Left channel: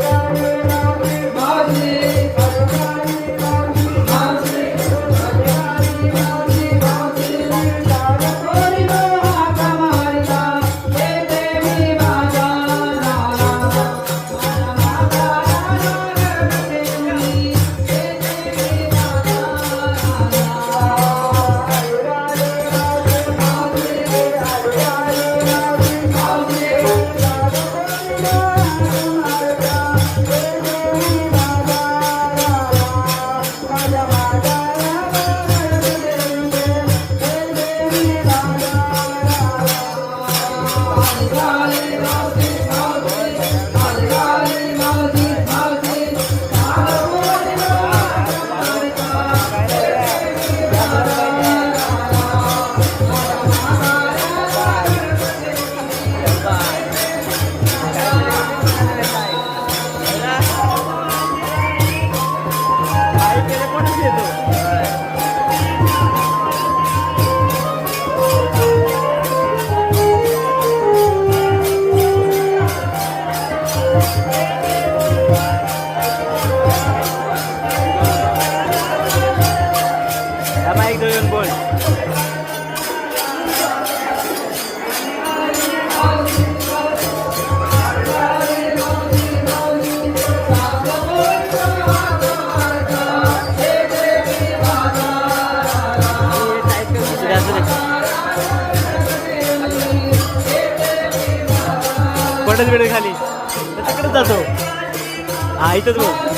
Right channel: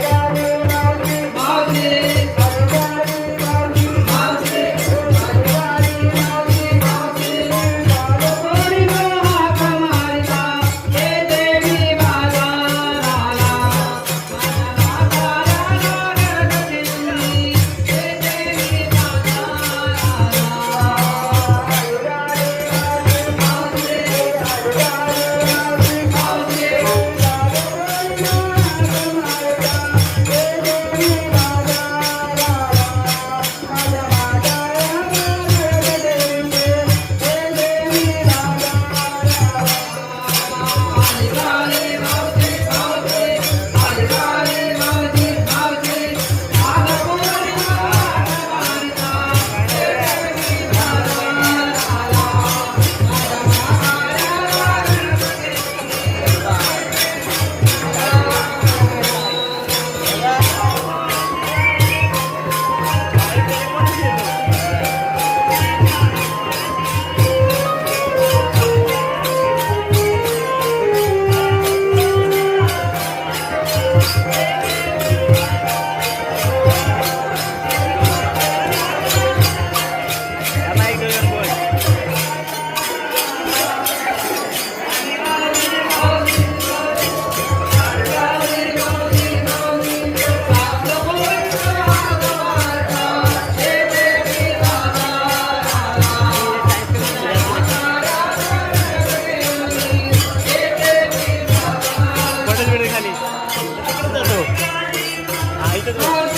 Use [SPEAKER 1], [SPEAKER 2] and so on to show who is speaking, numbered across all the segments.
[SPEAKER 1] Thank you. எடுத்துக்கலாம்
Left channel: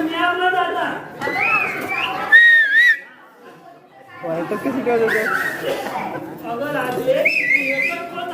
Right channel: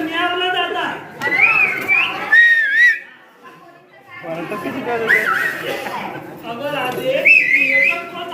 [SPEAKER 1] न्यायालयात जातात
[SPEAKER 2] किती
[SPEAKER 1] अगं आधी एकच पद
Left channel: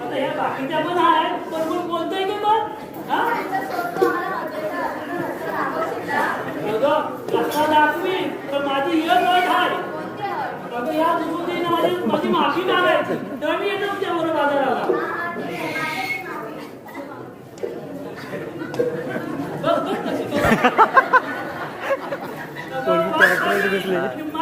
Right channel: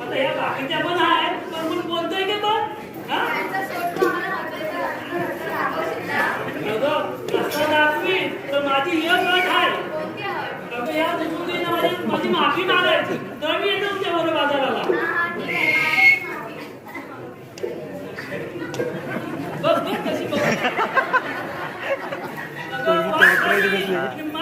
[SPEAKER 1] आता ह्या बाकीच्या पण आहे पण बोलतोय की बघ अगं रस्ता तर माझी एक आहे. अगं या माझी माफी मागायची. तर मी येतो तुमच्याबरोबर बाजाराला. Soygu karaktere gidiyorsun.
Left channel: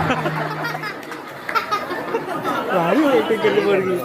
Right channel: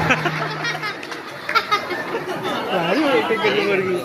[SPEAKER 1] Ha ha ha! Delivery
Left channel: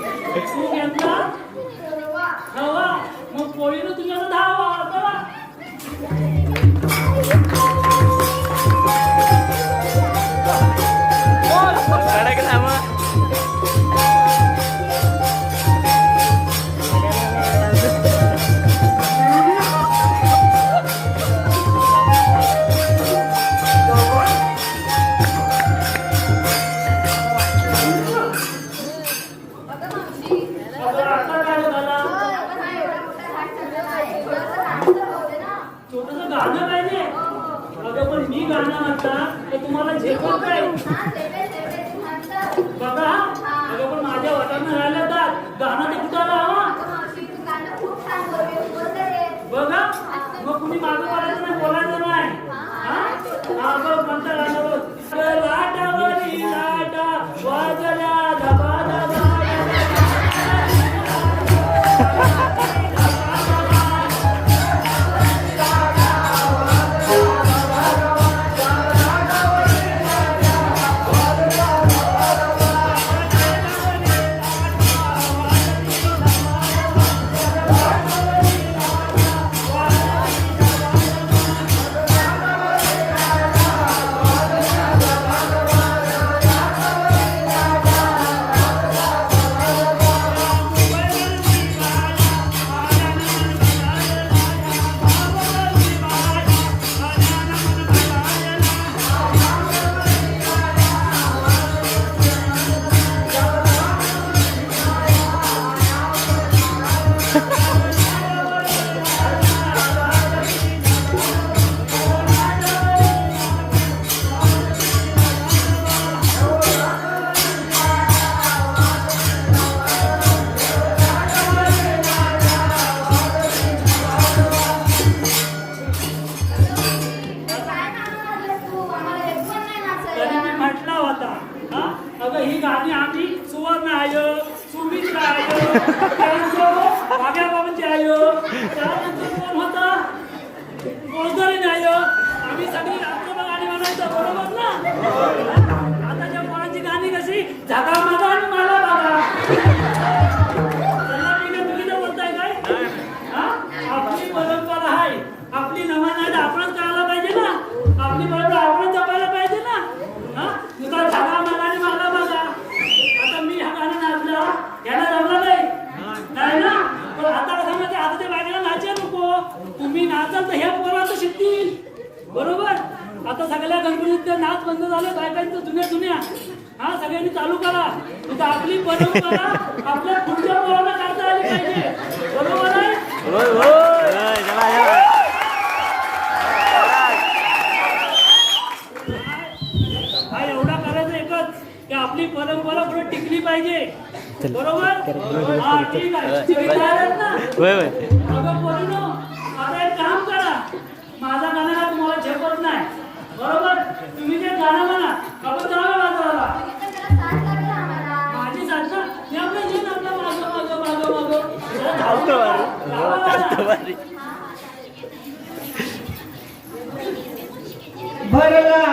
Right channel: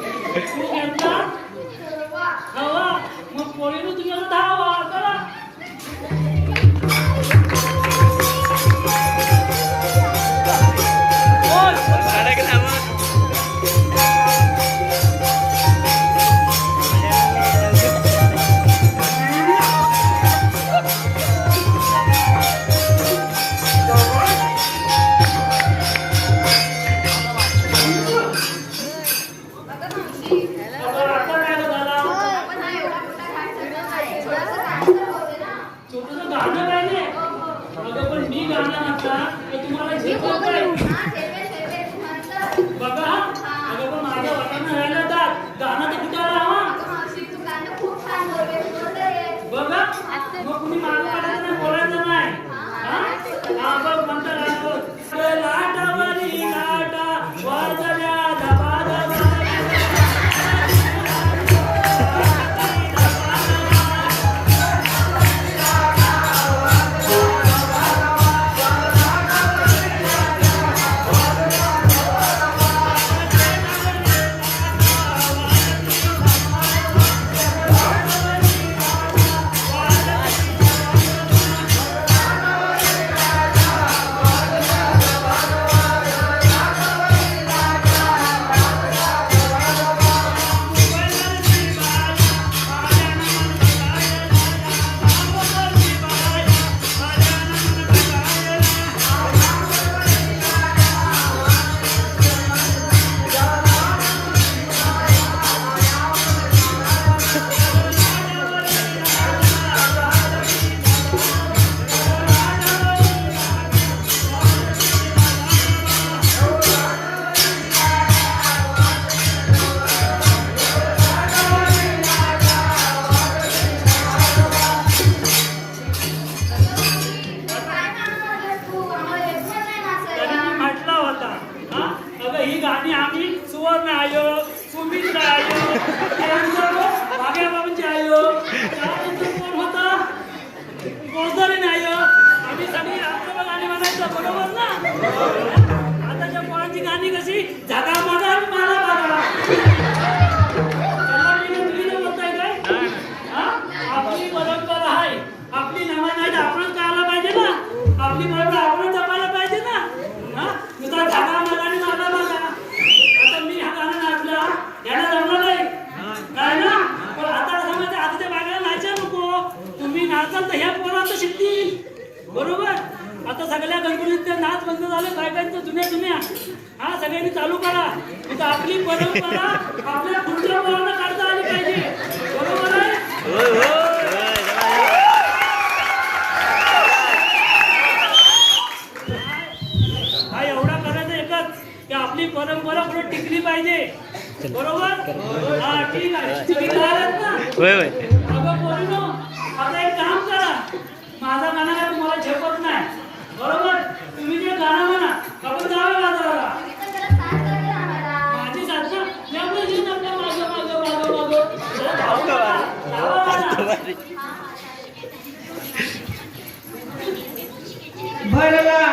[SPEAKER 1] बघा. पण माझ्या वाटानं राहिलं तर गाणं तर कुठं राहा बघा. मग कुणी मागं पडायचं नाही बोलायचं नाही. हा? बघ म्हणता गाणं जागा मागा आणि मला बघा चला मी ना तुम्ही बोलताय काय? हा? आपली परंपरा आहे. आपली नमाज आहे आपणच करायला पाहिजे ना. आपली परंपरा आपण जपायला पाहिजे ना. हा? तुझा जागा मला आणि मला मला आता मी हा गाणं नाचलं. याला जमलं नाही. नाही ना? पण आता कसं आता ते बागेला नाचे नको. तुम्ही नाचाल तर हे पोरांचं शिकतील. बरोबर? आता सगळ्या गणपतीचे नाच बंद झाले बायकांचं जुन्या जुन्या. हा सगळ्यांनी चालू करा. इथं आपली परंपरा आपल्या पुढच्या पोरांना काढता आली पाहिजे. बरोबर हा एवढा करायचं एकच की आपली परंपरा पुढे टिकली पाहिजे. बरोबर? हा ठीक आहे. तुम्ही कळालात ना?
[SPEAKER 2] होय होय.
[SPEAKER 1] अगं पोरीनो आता एक काम करा. माझा गाणं काय तुम्हाला झेपत नाही. बरोबर? तुम्ही जे गाणं म्हणा आपण जाऊया
[SPEAKER 3] भरला